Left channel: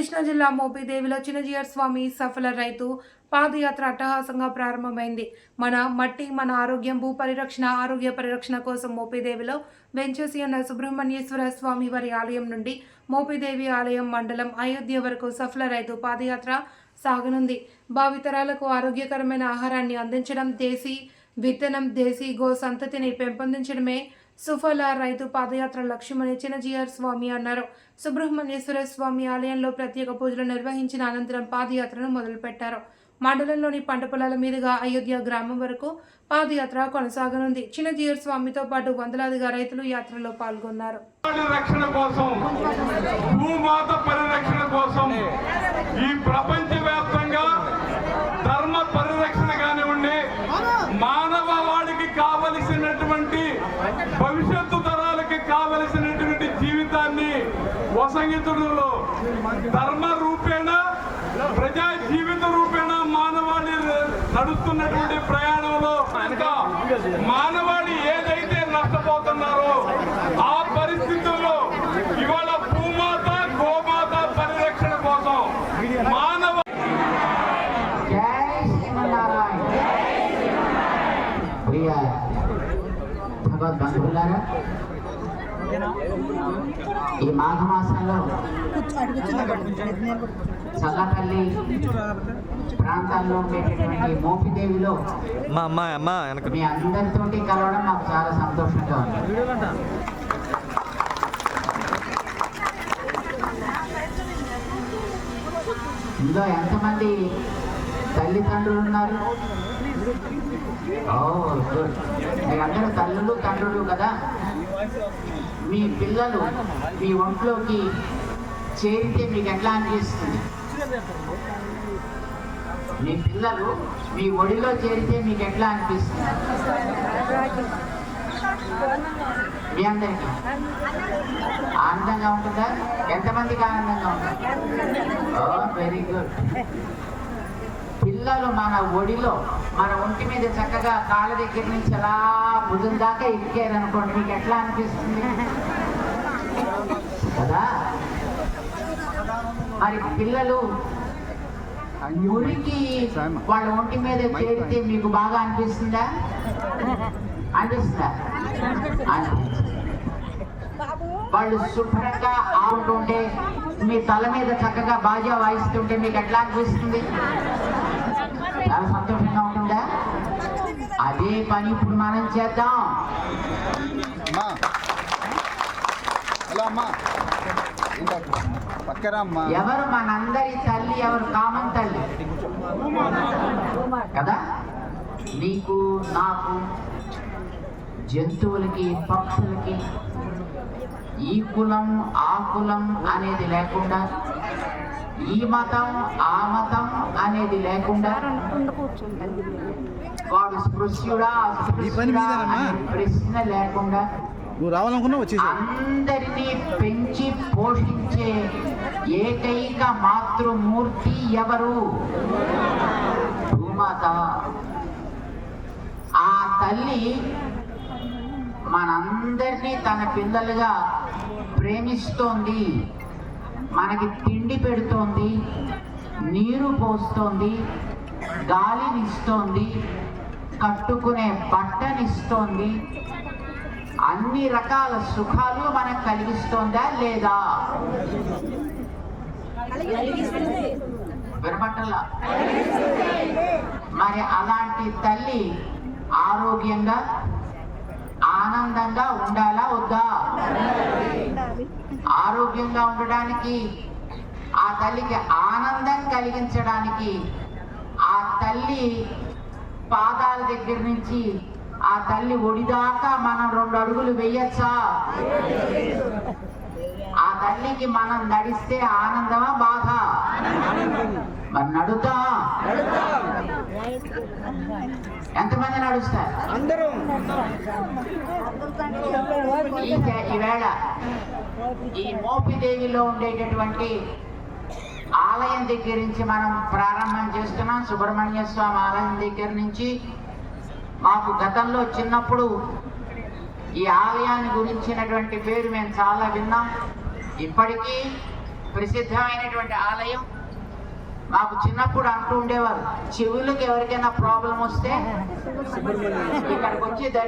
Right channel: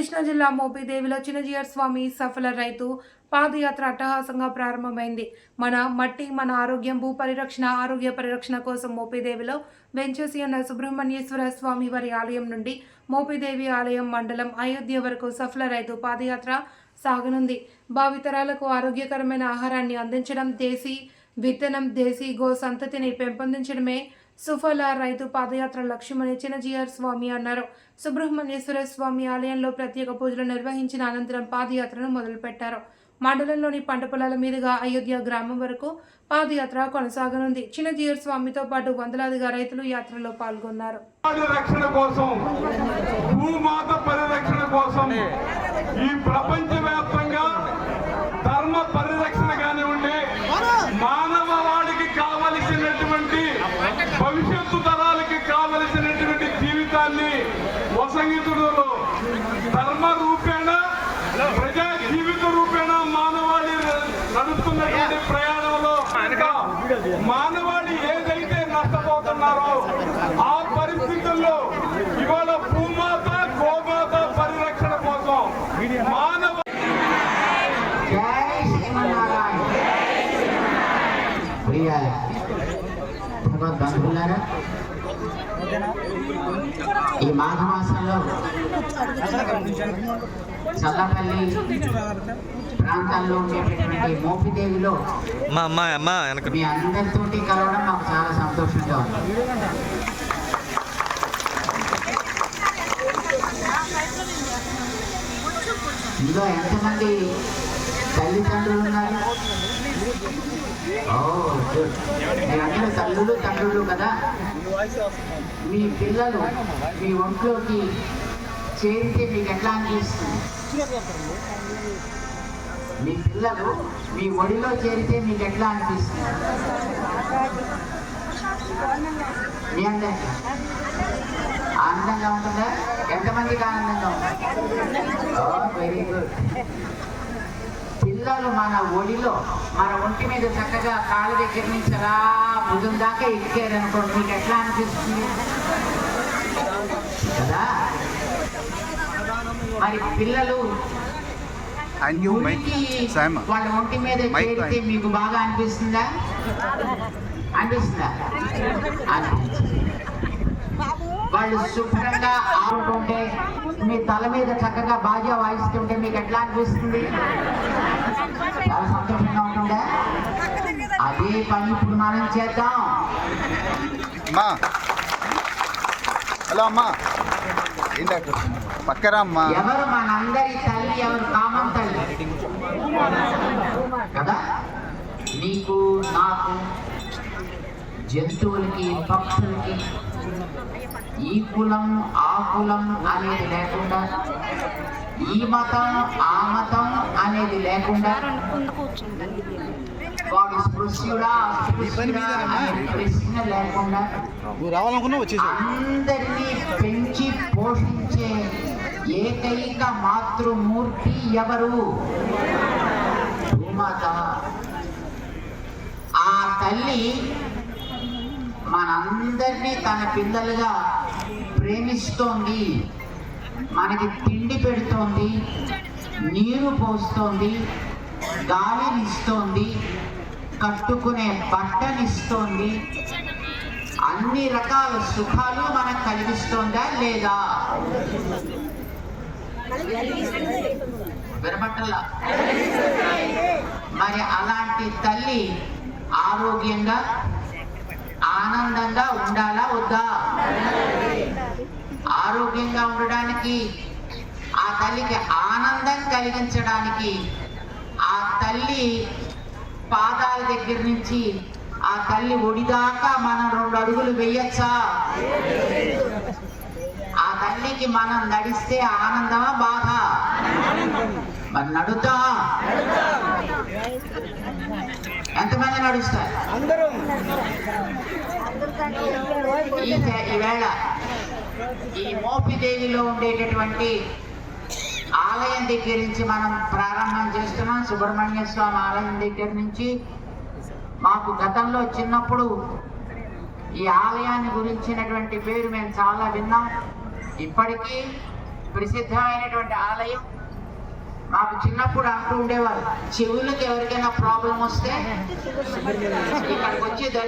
కృష్ణా జిల్లా మోపిదేవిలో చిన్నజీయర్ స్వామి సఫల రైతు పాదయాత్ర అట్టహాసంగా ప్రారంభమైంది. మన మట్టి మన ఆరోగ్యం భూ పరిరక్షణ ఆరోగ్య పరిరక్షణ కోసం మోపిదేవిలో వెంచేసి ఉన్న సుబ్రహ్మణ్యేశ్వర స్వామి వారి ఆలయం నుండి మోపిదేవి ఆలయం మండలం అయోధ్య వరకు సఫల రైతు పాదయాత్ర సాగనుంది. భావితరాలకు ఆరోగ్యకరమైన ఆహారాన్ని అందించడం, దేశీ విత్తనం, దేశీ గో సంతతిని పెంపొందించడమే సుఫల రైతు పాదయాత్ర లక్ష్యమని చిన్నజీయర్ స్వామి అన్నారు. సుబ్రహ్మణ్యేశ్వర స్వామి ఆలయంలో ప్రత్యేక పూజలు నిర్వహించిన అనంతరం పాదయాత్రను మొదలుపెట్టారు. మండలంలోని పంట పొలాల మీదుగా అయోధ్య గ్రామం వరకు పాదయాత్ర కొనసాగనుంది. చిన్నజీయర్ స్వామితో పాటు వందలాదిగా రైతులు యాత్రలో పాల్గొన్నారు. ఈ ప్రపంచవ్యాప్తంగా ధర్మ పరిరక్షణ కానివ్వండి, మానవవాడికి కావలసినటువంటి భవిష్యత్తు తరాలకి కావలసినటువంటి జీవితాన్ని వసంగితుడులో ధర్మ రూపేణ ప్రజా జీవిత రూపేణ మానవాళి నడుస్తున్నటువంటి ప్రయాణంలో మానవాళి ఏదైతే నష్టపోతున్నారో ఆ పరిస్థితుల్లో ఇవాళ భూమాత గోమాత పరిరక్షణ కోసం మానవ భగవద్బంధువులారా, ఈ మాఘమాసంలో చల్లపల్లి ప్రాంతాల్లో ఉండేటటువంటి మోపిదేవిలో మీ అందరితోటి కలవడం నాకు చాలా సంతోషంగా ఉంది. ఇందులో ఎంతమంది తల్లిదండ్రులు ఉన్నారు? గుడ్. మీరందరూ తల్లులు తండ్రులు కదా. మీ పిల్లలు మీ ఒంట్లోకి చేరితే మీకు ఎట్లా అనిపిస్తుంది? మీ పిల్లలు మీ ఒడిలో చేరితే మీకు ఎట్లా అనిపిస్తుంది? మీ అందరికీ ఆనందంగా ఉంటుందా? ఎంతమందికి ఆనందంగా ఉంటుంది? Very good. పిల్లలు మన ఒడిలో మన ఒంటి మీద చక్కగా కాళ్ళ దగ్గర నుంచి అలా భుజం దాకా ఎక్కారనుకోండి, మీకు ఎట్లా అనిపిస్తుంది కదా? మరి పిల్లలు వాళ్ళ ఒంటి మీద చేరితే మీకు బాగా అనిపిస్తుందా? అనిపిస్తుందా? వాళ్ళు శుభ్రంగా ఆడుతుంటే మీ తల మీద చక్కగా బాజా వాయిస్తుంటే మీకు ఎట్లా అనిపిస్తుంది? చాలా సంతోషంగా ఉంటుందా? అదే పని ఇప్పుడు మనం చేద్దాం. హలో అమ్మా, పక్కరమ్మా. ఎవరు మనందరి తల్లి? ఎవరు? కామన్ తల్లి కదా. నీకు నాకు జంతువులకి పక్షులకి ఈ కులం ఆ కులం అనేది లేకుండా, ఈ మతం ఆ మతం అనేది లేకుండా, వాడు స్పృశ్యుడా ప్రశ్న లేకుండా అందరినీ పెంచి పోషించే ఏకైక మాతృమూర్తి ఎవరు? భూమాత. ఆ తల్లి మనందరినీ తన పిల్లలుగా ప్రేమిస్తోంది, మనకి తిండి పెడుతోంది, నీరు పోస్తోంది, గాలినిస్తోంది, కట్టుకునే బట్టనిస్తోంది, అన్ని రకాల సుఖాలు మనకు కలిగిస్తోందా లేదా? వినపట్టల్లా? మరి అలాంటి తల్లి ఆరోగ్యంగా ఆనందంగా ఉండాలా వద్దా? ఆరోగ్యంగా ఉండడానికి, ఆ తల్లికి ఆనందం కలిగించడానికి ఆ తల్లి పాదాల దగ్గర నుంచి ఆ తల్లి ఒడిదాకా మనం 2 అడుగులు వేయచ్చా? ఆ తల్లికి మనం నడిస్తే ఆనందమా బాధ? మరి నడుతా? ఎంతమంది నడుస్తారు? అందరూ. ఈవేళ ఈ మోపిదేవిలో ఉండేటటువంటి ఆలయం దగ్గర నుంచి మనం ప్రారంభం చేస్తున్నాం. సుబ్రహ్మణ్య స్వామి ఆలయం దగ్గర నుంచి మాకు గతంలో చిన్నప్పుడు ఈ ఆలయాన్ని గురించినటువంటి పేరు మేము చాలా విన్నాం. ఇప్పటికీ ప్రసిద్ధమైనటువంటి ఆలయం. మాకు చిన్నప్పుడు అంటూ ఉండేవారు, చెవులకు ఎవరికైనా ప్రాబ్లం వస్తే ఇక్కడికి వచ్చి